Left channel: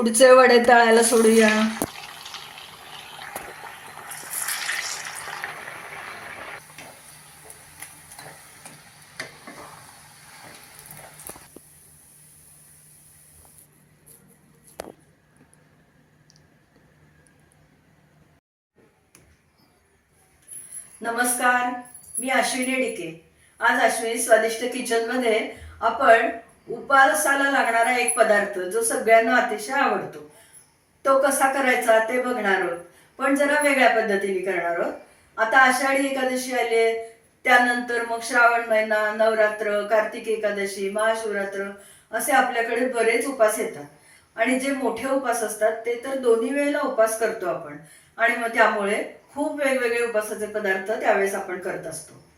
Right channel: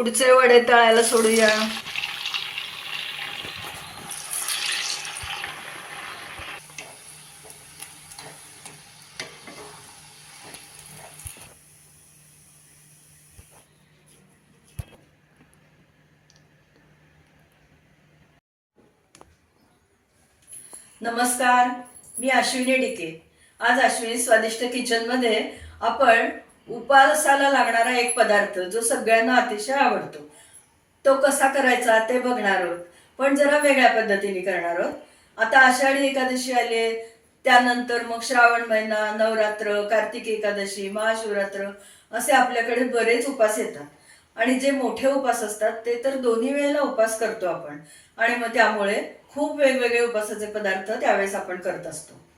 पुढचे वडे तळायला सोडूया. नमस्कार मी अश्विनी डिके आज अश्विनी स्वादिष्ट किचनमध्ये आपण उपासाला लागणारा एक पदार्थ जो सगळ्यांना अतिशय आवडतो. तो कसा करायचा ते बघणार आहोत. पण जरा वेगळ्या पद्धतीने करणार आहोत. आता आषाढी एकादशी आली आहे त्यानंतर मग श्रावण महिना नवरात्र कार्तिक एकादशी महाशिवरात्र असे आपल्याकडे बरेच उपास येतात. आणि जे मोठे उपास असतात ते तर दोन्ही वेळेला उपास करतो आपण. आणि मग त्यामुळे खूप वेगवेगळे उपासाचे पदार्थ त्यावेळेस आपण करत असतो.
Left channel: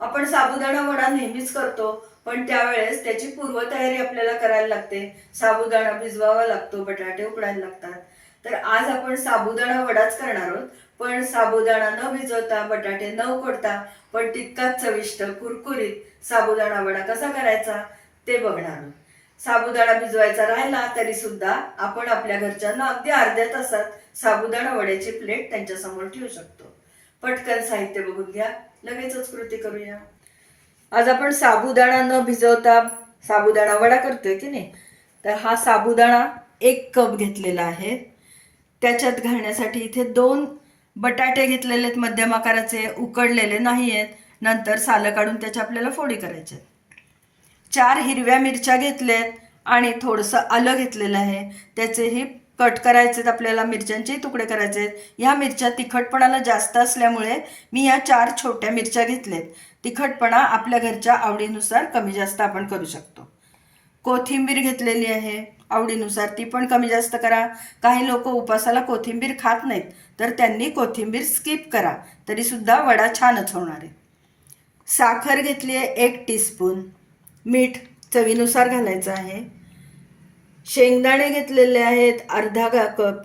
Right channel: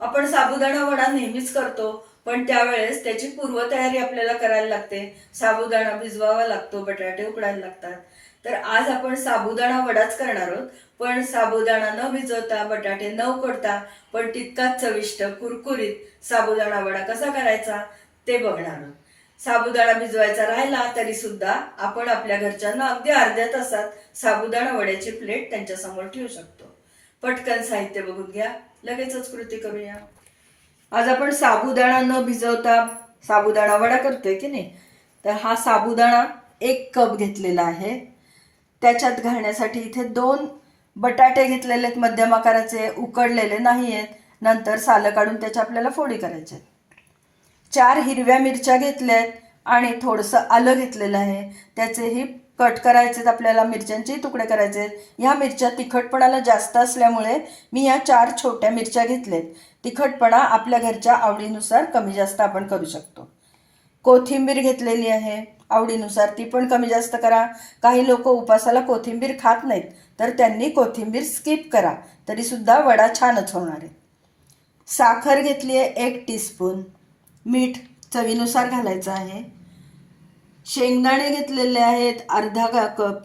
आपण साबुदाणा वडा नेहमीच करतो पण त्यावेळेस त्याची पूर्वतयारी आपल्याला करायला लागते. साबुदाणा भिजवावा लागतो बटाटे उकडायला लागतात. तर आज आपण साबुदाणा वडाच करणार आहोत पण साबुदाणा न भिजवता बटाटे न उकडता पण तितकाच चविष्ट कुरकुरीत साबुदाणा वडा कसा करायचा ते बघणार आहोत. साबुदाणा भिजवायचा राहिला तरी सुद्धा आपण आपल्या घरच्यांना अगदी अर्ध्या तासात साबुदाणा वड्याची प्लेट त्यांच्यासमोर ठेवू शकतो. पटकन साहित्य बघून घ्या. लगेचच कृती करूया. आज आपण साबुदाणा न भिजवता साबुदाणा वडा करतोय की नाही? तर हा साबुदाणा एक कप घेतलेला आहे. त्याच्यात घालण्यासाठी इथे दोन बटाटे घेतलेले आहेत. मध्यम आकाराचे उकडलेले नाही आहेत नंतर सालं काढून त्याच्या आपल्याला फोडी करायच्या आहेत. चार हिरव्या मिरच्या घेतल्यात आणि थोडंसं आलं घेतलेलं आहे. त्याचेही कट करायचे आहेत आपल्याला मिरच्यांचेही तुकडे करायचे आहेत ह्या मिरच्या तिखटपणाला जास्त असल्यामुळे मी या चार छोट्या मिरच्या घेतल्यात तिखटपणा आपल्या घरच्या आवडीनुसार कमी जास्त आपण करू शकतो. कोथिंबीर घेतलेली आहे आवडीनुसार ती पण कमी जास्त करा. काही लोक उपासाला कोथिंबीर खात नाहीत तर त्यांनी कोथिंबीर स्किप करा तरीसुद्धा वडा छानच होणार आहे. साखर घेतली आहे एक टीस्पून. मीठ चवीनुसार घालायचं आहे. शेंगदाणे घेतलेले आहेत अर्धा गा कप.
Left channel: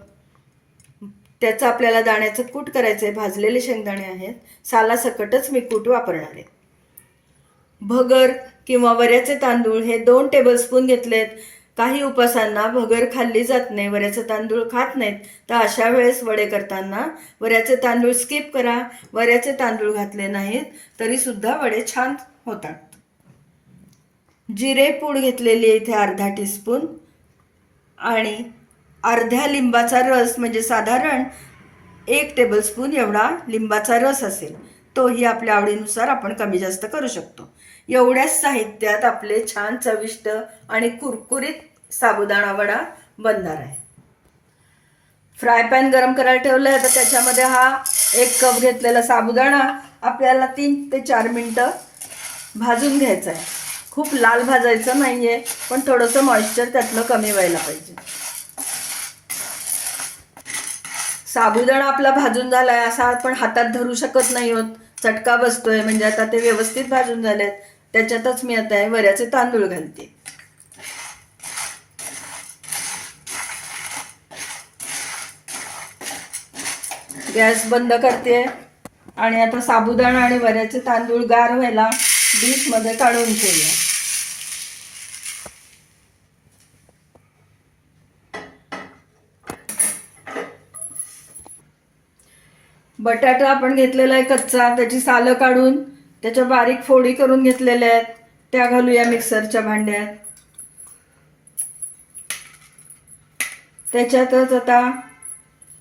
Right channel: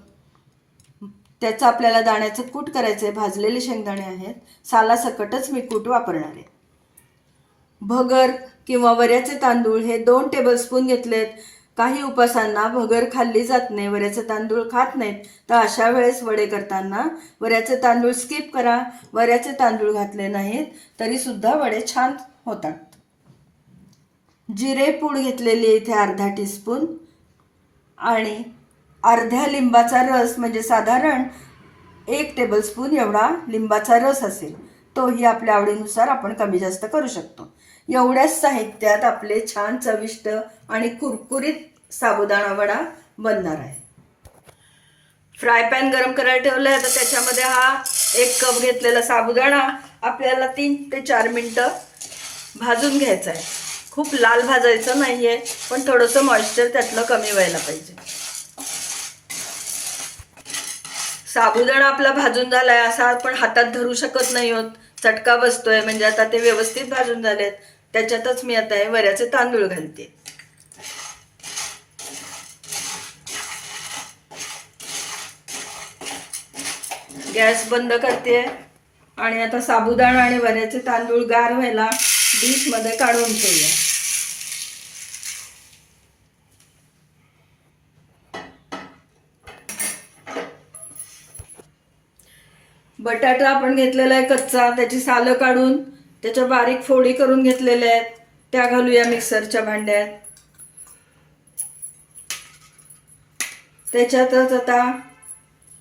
त्याचं आपल्याला दाण्याचं कूट करायचं आहे भाजलेले शेंगदाणे आहेत. सालासकटच मी कूट वापरणार आहे. भगर किंवा वऱ्याचे तांदूळ हे दोन टेबलस्पून घेतलेत. काही उपासांना भगर खाल्ली जात नाही वऱ्याचे तांदूळ खात नाहीत. तर अशा वेळेस वडे करताना वऱ्याचे तांदूळ स्किप करा. वऱ्याचे तांदूळ घातले नाहीत तरीसुद्धा वडे छान होतात. जिरे पूड घेतलेली इथे अर्धा टीस्पून आणि अर्ध्या लिंबाचा रस म्हणजे साधारण एक टेबलस्पून एवढा लिंबाचा रस असेल तोही आपल्या आवडीनुसार आपण कमी जास्त करू शकतो. एवढ्याच साहित्यात आपले छान चविष्ट आणि कुरकुरीत साबुदाणा वडा बनणार आहे. फ्राय पॅन गरम करायला ठेवलं आहे तर त्याच्यामध्ये हा एक कप घेतलेला साबुदाणा आपल्याला तीन ते चार मिनटं भाजून घ्यायचा आहे. खूप लाल भाजायचं नाही आहे पण थोडंसं मॉइश्चर त्यातलं कमी व्हायला पाहिजे. साबुदाणा आपला भाजून झालाय असा आपण हातात धरू शकत नाही होत. चटका बसतोय म्हणजे आता ते व्यवस्थित भाजून झालेत. त्याच्यातच मी आता हे वऱ्याचे तांदूळ घालते. गॅस बंद करते. आणि आता साबुदाणा आणि वऱ्याचे तांदूळ गार व्हायला डिशमध्ये काढून ठेवूया. बटाटा आपण घेतलेला आहे कच्चा त्याची सालं काढून त्याच्या बारीक फोडी करून घेतलेल्या आहेत. त्या घालूया मिक्सरच्या भांड्यात. त्याच्यातच आता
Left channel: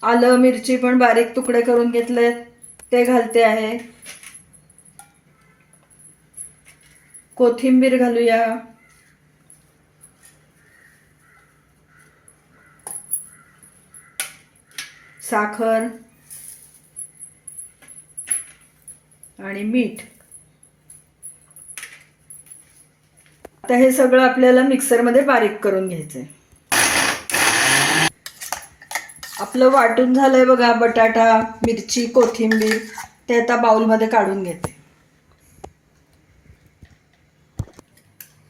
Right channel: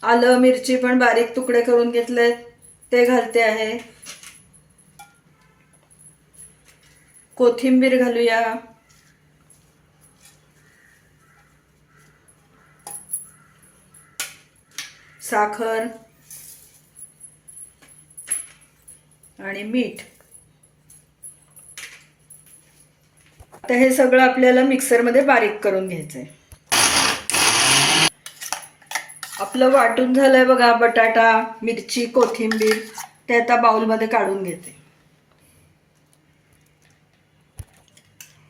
आलं मिरची पण बारीक तुकडे करून घेतलेत. ते घालते आहे. कोथिंबीर घालूया. साखर. आणि मीठ. आता हे सगळं आपल्याला मिक्सरमध्ये बारीक करून घ्यायचंय. आपलं वाटून झालंय बघा बटाटा मिरची कोथिंबीर. ते आता बाउलमध्ये काढून घेते.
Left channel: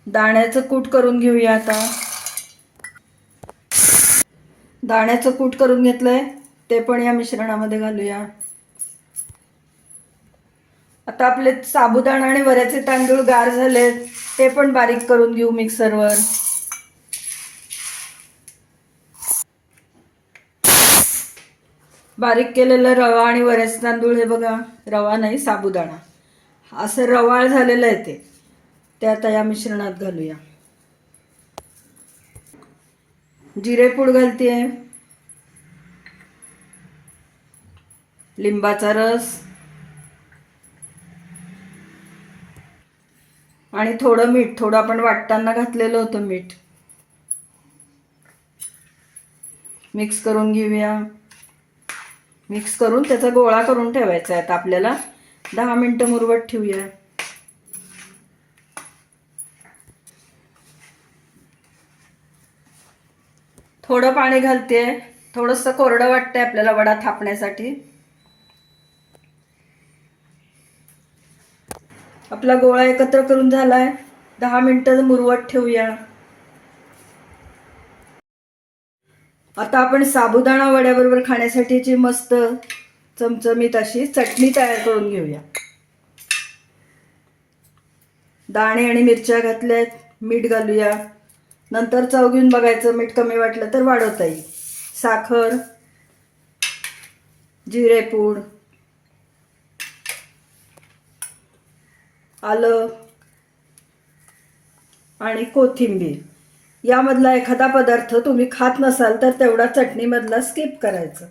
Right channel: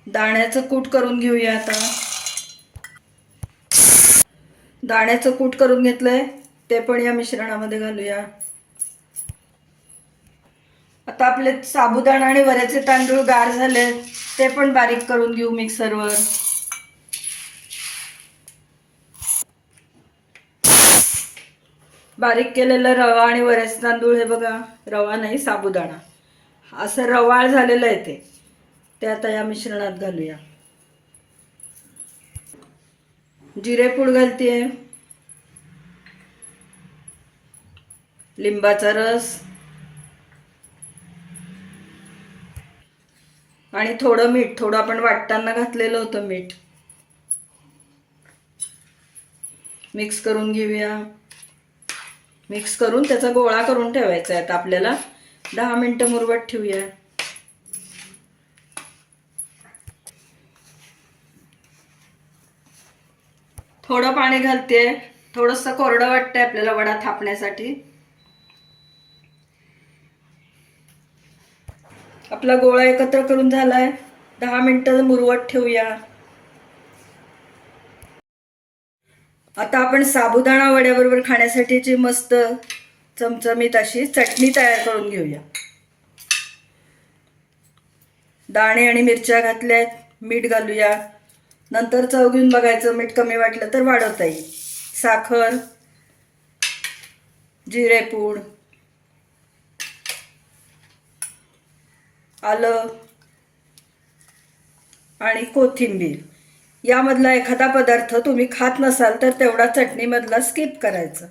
दाण्याचं कूट करून घेऊया आता. दाण्याचं कूट करून घेतलंय ते पण या मिश्रणामध्ये घालूया. आता आपले साबुदाणा आणि वऱ्याचे तांदूळ गार झालेत ते पण बारीक करून घेऊ मिक्सरवर. बारीक केलेला रवा आणि वऱ्याचे तांदूळ हे बघा रवा नाही साबुदाणा. असं रवाळ झालेलं आहे ते. ते आता या मिश्रणात घालूया. जिरेपूड घालते लिंबाचा रस. आणि थोडं मीठ थोडं आपण वाटताना घातलेलं होतं मीठ. मिक्स करून घेऊया. मिक्स करून त्याचा गोळा करून ठेवायचा आहे. आता आपल्याला दहा मिनटं मुरवत ठेवूया. थोडं पाणी घालते थोडंसं कोरडं वाटतंय आपल्याला वडा थापण्यासाठी. आपला गोळा एकत्र करून झालाय. दहा मिनिटं मुरवत ठेवूया. आता आपण साबुदाणा वड्याबरोबर खाण्यासाठीची मस्त चमचमीत अशी चटणी तयार करून घेऊया. दाणे आणि मिरच्या घातल्यात. मीठ घालूया. नंतर चव घेऊन बघायचं मीठ कमी वाटलं तर वाढवता येईल साखर जिरेपूड आलं आणि कोथिंबीर. यामधला एखादा पदार्थ तुम्ही खात नसाल तर तेवढा चटणीमधला स्किप करायचा.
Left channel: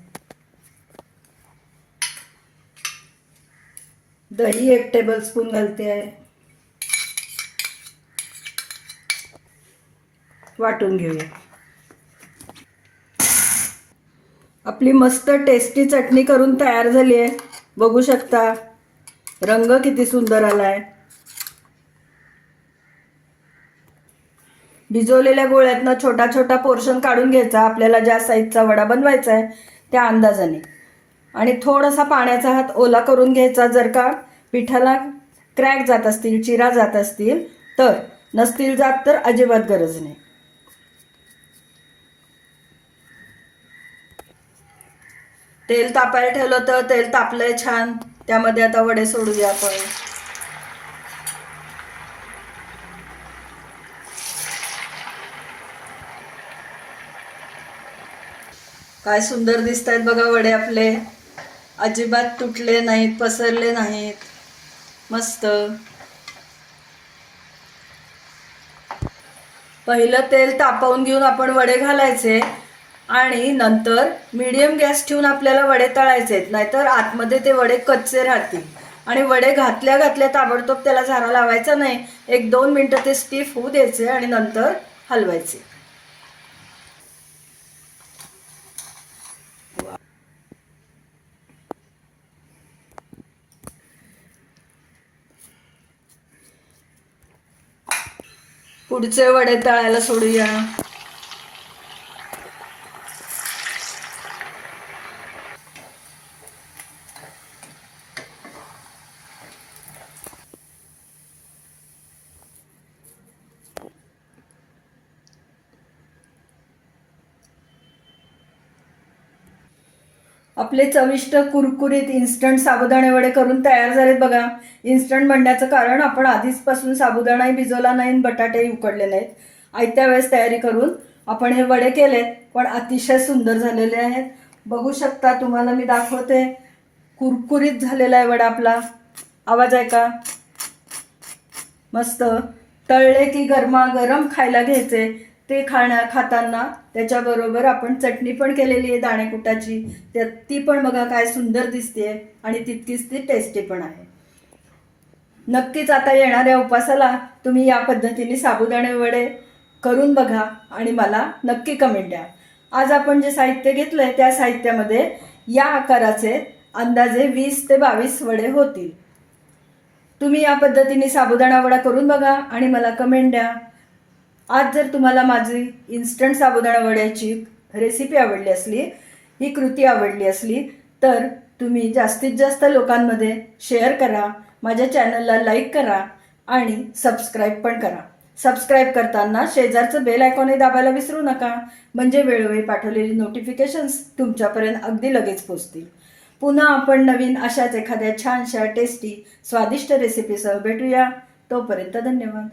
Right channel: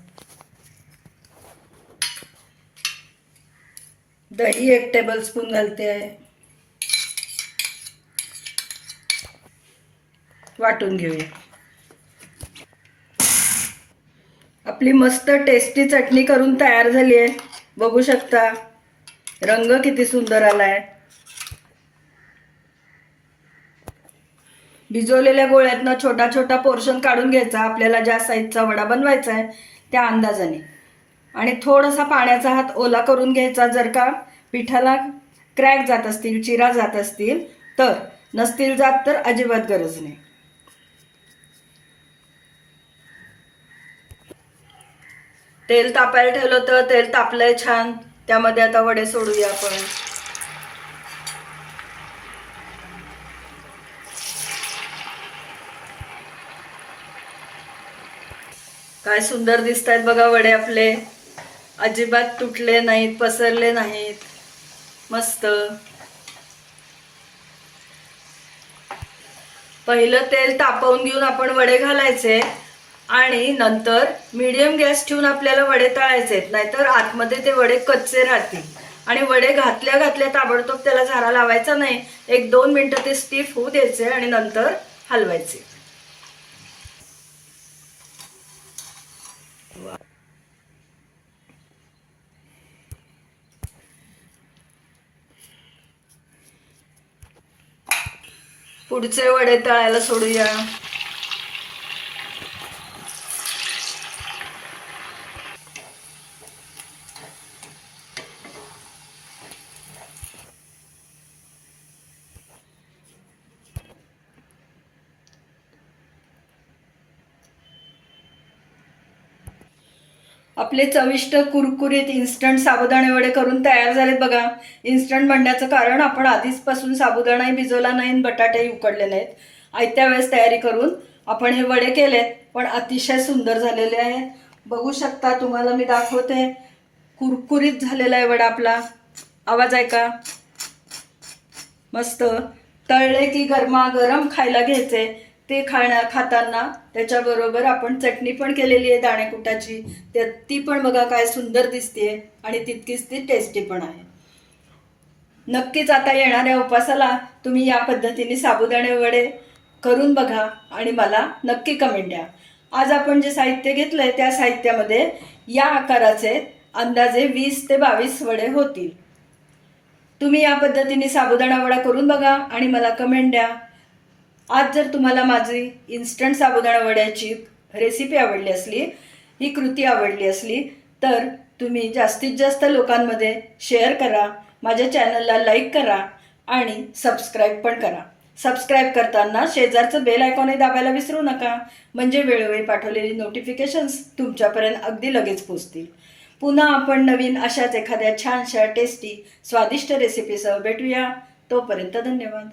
दही एक टेबलस्पून घालते. आहे वाटून घेऊया. आपली मस्त टेस्टी चटणी करून तयार झाली आहे. बघू शकता. रंग किती सुंदर आलाय. भिजवलेल्या गोळ्यातनं छोटा छोटा पोर्शन काढून घ्यायचा. आपल्याला ज्या साईजचा वडा बनवायचा आहे त्या अंदाजाने. आणि थोडासा पाण्याचा हात ओला करून घ्यायचा. जर का पिठाला क्रॅक जात असतील चिरा जात असतील तर नसतील जात तर अजिबात गरज नाही. तेल तापायला ठेवलं होतं तेल तापलंय छान. त्यामध्ये आता वडे सोडूया आपण. काय सुंदर दिसत आहेत बघा वडे आपले. अजिबात तुटले नाहीत पसरले नाहीत. मस्त. पहिलं तेल तापवून घेऊन आपण वडे घालायचे. आणि नंतर मीडियम गॅस ठेवून आपल्याला वडे तळायचे आहेत. नाहीतर आतमध्ये ते वडे कच्चे राहतील. आणि वडे घातल्या घातल्या ताबडतोब त्याला झारा लावायचा नाही. एक दोन मिनटं ते स्टीफ होऊ द्यायचे आणि नंतर हलवायचे. पुढचे वडे तळायला सोडूया. आपले चविष्ट कुरकुरीत इन्स्टंट साबुदाणे वडे करून तयार झालेत बघा. इन्स्टंट म्हणण्याचं कारण आपण आधीचपासून साबुदाणाही भिजवला नाही आणि बटाटेही उकडले नाहीत आयत्या वेळेस तयारी करून आपण हे वडे केलेत. पण अतिशय सुंदर झालेले आहेत. बघू शकता तुम्हाला मी दाखवते. कुरकुरीत झालेला आहे वडा आपला. आवाज आहे का मस्त. तळले की गरमागरम खायला घ्यायचे. ते खाण्या खाताना त्याच्याबरोबर आपण चटणी पण केलेली आहे दाणेकुटाची. त्या ती पण बघा काय सुंदर दिसते आणि तितकीच ती टेस्टी पण आहे. नक्कीच आता येणाऱ्या उपासाला तुम्ही या पद्धतीने साबुदाणे वडे करून बघा आणि मला नक्की कमेंट द्या. आज आपण जे साहित्य घेतलंय त्या साहित्यामध्ये या आकाराचे अंदाजे वीस ते बावीस वडे होतील. तुम्ही या पद्धतीने साबुदाणा वडा करून बघा आणि मला कमेंट द्या. आज जर तुम्हाला माझी इन्स्टंट साबुदाणा वड्याची रेसिपी आवडली असली ही कृती आवडली असली तर तुम्ही जास्तीत जास्त लोकांमध्ये शेअर करा माझ्या चॅनलला लाईक करा आणि सबस्क्राईब पण करा. सबस्क्राईब करताना शेजारचं बेल आयकॉनही दाबायला विसरू नका म्हणजे वेळोवेळी पाठवलेली नोटिफिकेशन्स तुमच्यापर्यंत अगदी लगेच पोचतील. पुन्हा आपण नवीन अशाच एखाद्या छानशा टेस्टी स्वादिष्ट रेसिपीसह भेटूया. तोपर्यंत धन्यवाद.